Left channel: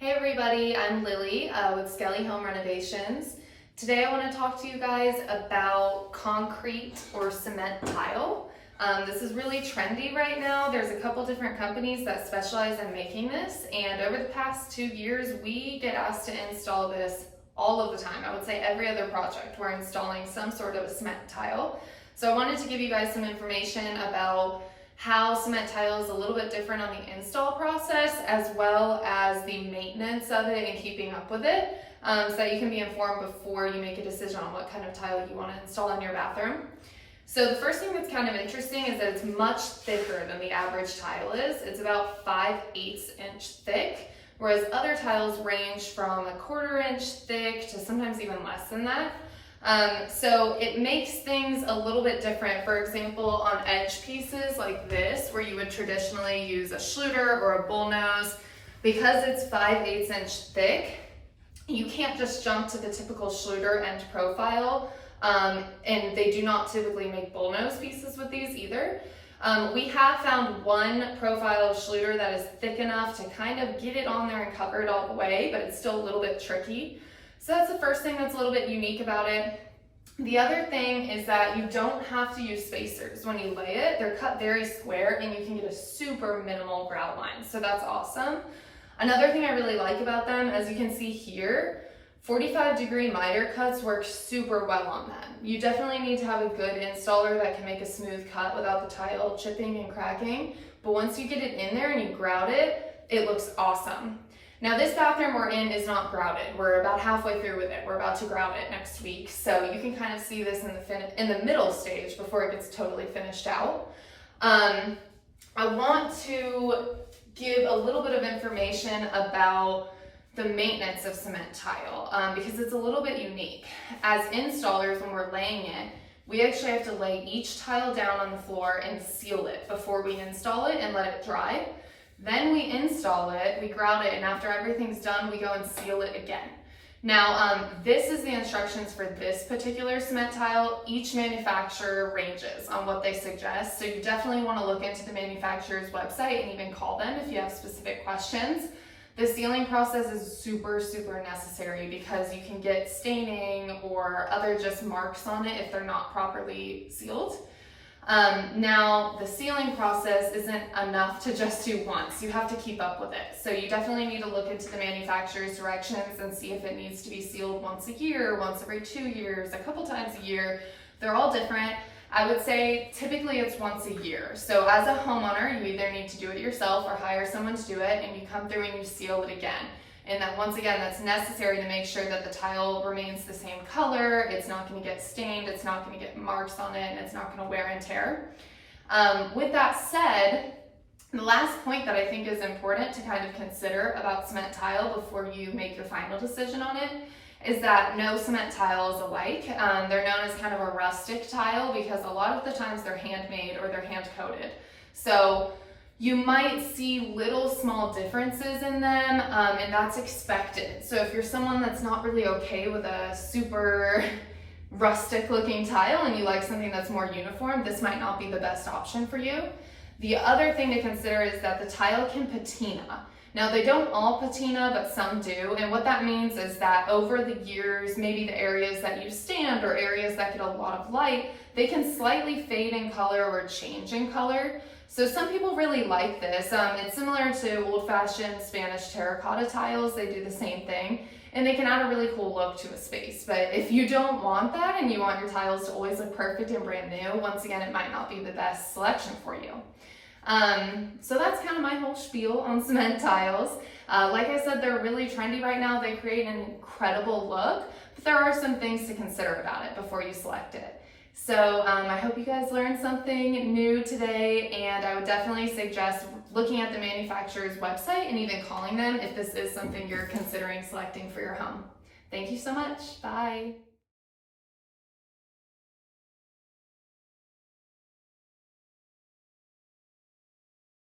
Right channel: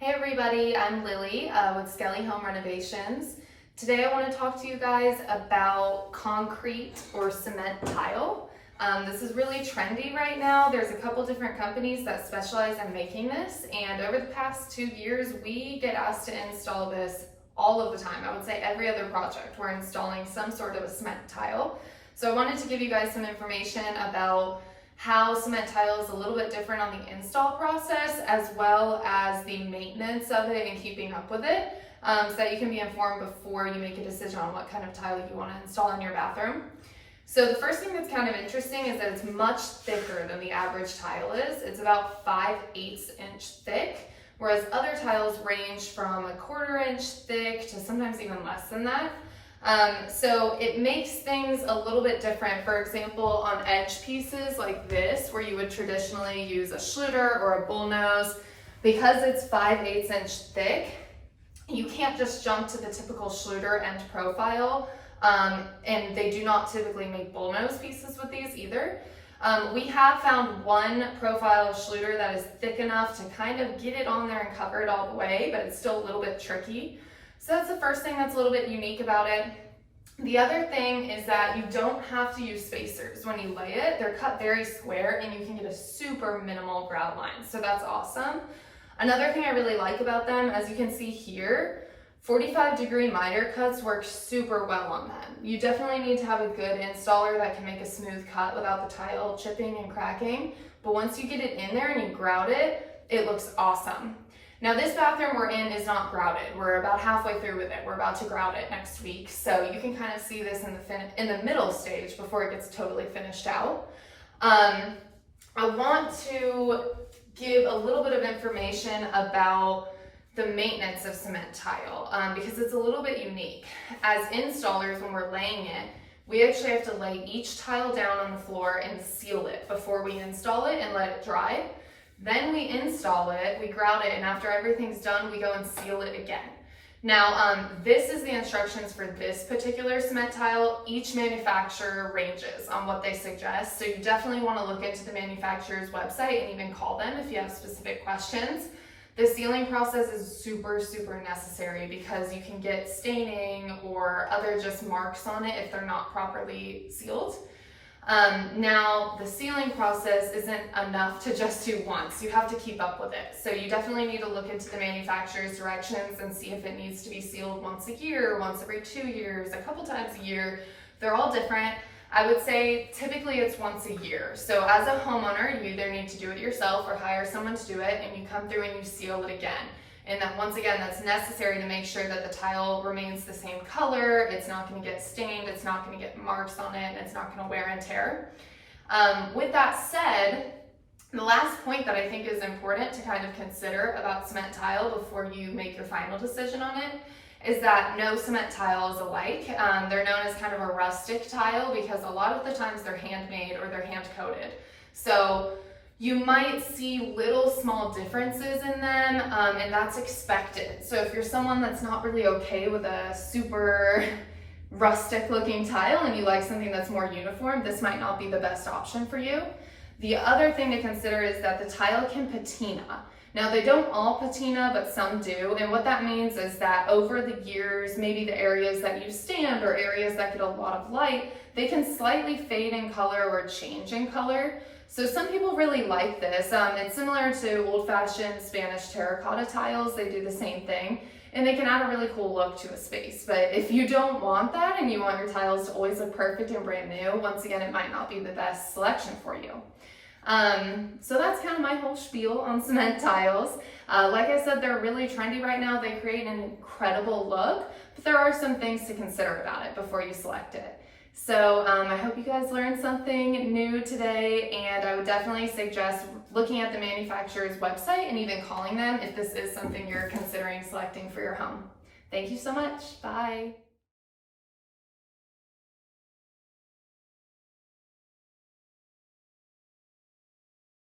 Hey everybody, I'm Lily with Skelly Home Renovations. Today I want to talk to you guys about concrete or cement tile. This is really trendy right now. There's a couple different companies that specialize in making this, and over the past 2 years we get asked to install this all of the time. I would say every other project we're installing some sort of a cement tile. So I wanted to give you guys some information about how cement tile is a little bit different on the install process, as well as the maintenance of it and keeping up with it, so that you can be informed before you make a decision on what kind of tile you want to install in your bathroom. So the first thing that's kind of interesting is that it's much thicker than the average tile is. It's about 5/8 inch thick, whereas other tiles range from 1/4 inch thick to sometimes even less than that. So it makes things a little bit different. For example, on edge pieces like this, where you would traditionally use a Schluter or a bullnose, because it's 5/8 inch thick, you can't just jump to the typical Schluter end profile, and they do not typically make bullnose pieces with these either. We have found one profile of Schluter that is thick enough to kind of get it on there and cover it all the way, but it's still a little bit tricky. So that's the first thing that's a little bit unique about it. The other thing is that you don't have to use spacers when you lay it. They're cut very square and you can get a super minimal grout line. So that's awesome. Another thing I really like about them, as you can see here, 45-degree miter cuts work super well on them. You definitely need to have a good installer that can make a smooth cut without the tile chipping and cracking. But once you get it in there and you grout it, it looks awesome. Now this bathroom we're in is not grouted. We're about halfway through with it. We're about to grout it next week. So you can kind of see this in the middle stage before it gets totally finished out. I want to give a little bit of information about the maintenance of cement tile because it's a little bit unique. As installers, when we're laying it, we actually have to lay each tile down on the floor and seal it before we install it and let it dry. Then we install it, we grout it, and after everything's done, we go and seal it again. Now, this is the instructions for this particular cement tile. Each manufacturer ranges on what they suggest, so you definitely want to look into the manufacturer's website and even call them if you have specific questions. The sealing process is super, super necessary because you can get staining or other just marks on it if they're not properly sealed. Now, the sealing process isn't enough to just do once. You have to keep up with it. So you definitely need to look into the manufacturer's directions and see if it needs to be sealed once a year, once every 2 years, a couple times a year. They're all different. I would say typically it's once a year. So as a homeowner, you either need to do it yourself or hire someone to do it, and you come through and you seal it again. And that once again, that's necessary to make sure that the tile remains the same color, it's not going to get stained, it's not going to get marks on it, and it's not going to wear and tear. With that said, the last point that I think is important to kind of consider about cement tile before you make your final decision on it is that no cement tile is alike. They're known as kind of a rustic tile because a lot of the times they're handmade or they're hand coated. So you might see little small differences in them, and that's expected. So if you're someone that's not really okay with a super rustic looking tile and you like something that's more uniform, this might not be the best option for you. The other thing to consider is that the tile can patina. Now they don't all patina, but some do, and what that means is that over the years, maybe the areas that you stand or areas that get a lot of light, they can slightly fade in color or change in color. So some people really like this. It's similar to old-fashioned Spanish terracotta tiles. They do the same thing, and they can add a really cool look to a space. But if you don't want that and you want your tiles to always look perfect and brand new, once again, it might not be the best selection for you. So that's kind of my whole spiel on cement tiles. Like I said, they're really trendy right now. They create an incredible look, but there are some things to consider about it before you select it. So I hope you guys learned something new today, and I would definitely suggest looking at the manufacturer's website and even calling them if this is something you're considering selecting for your home. Thank you so much. Bye.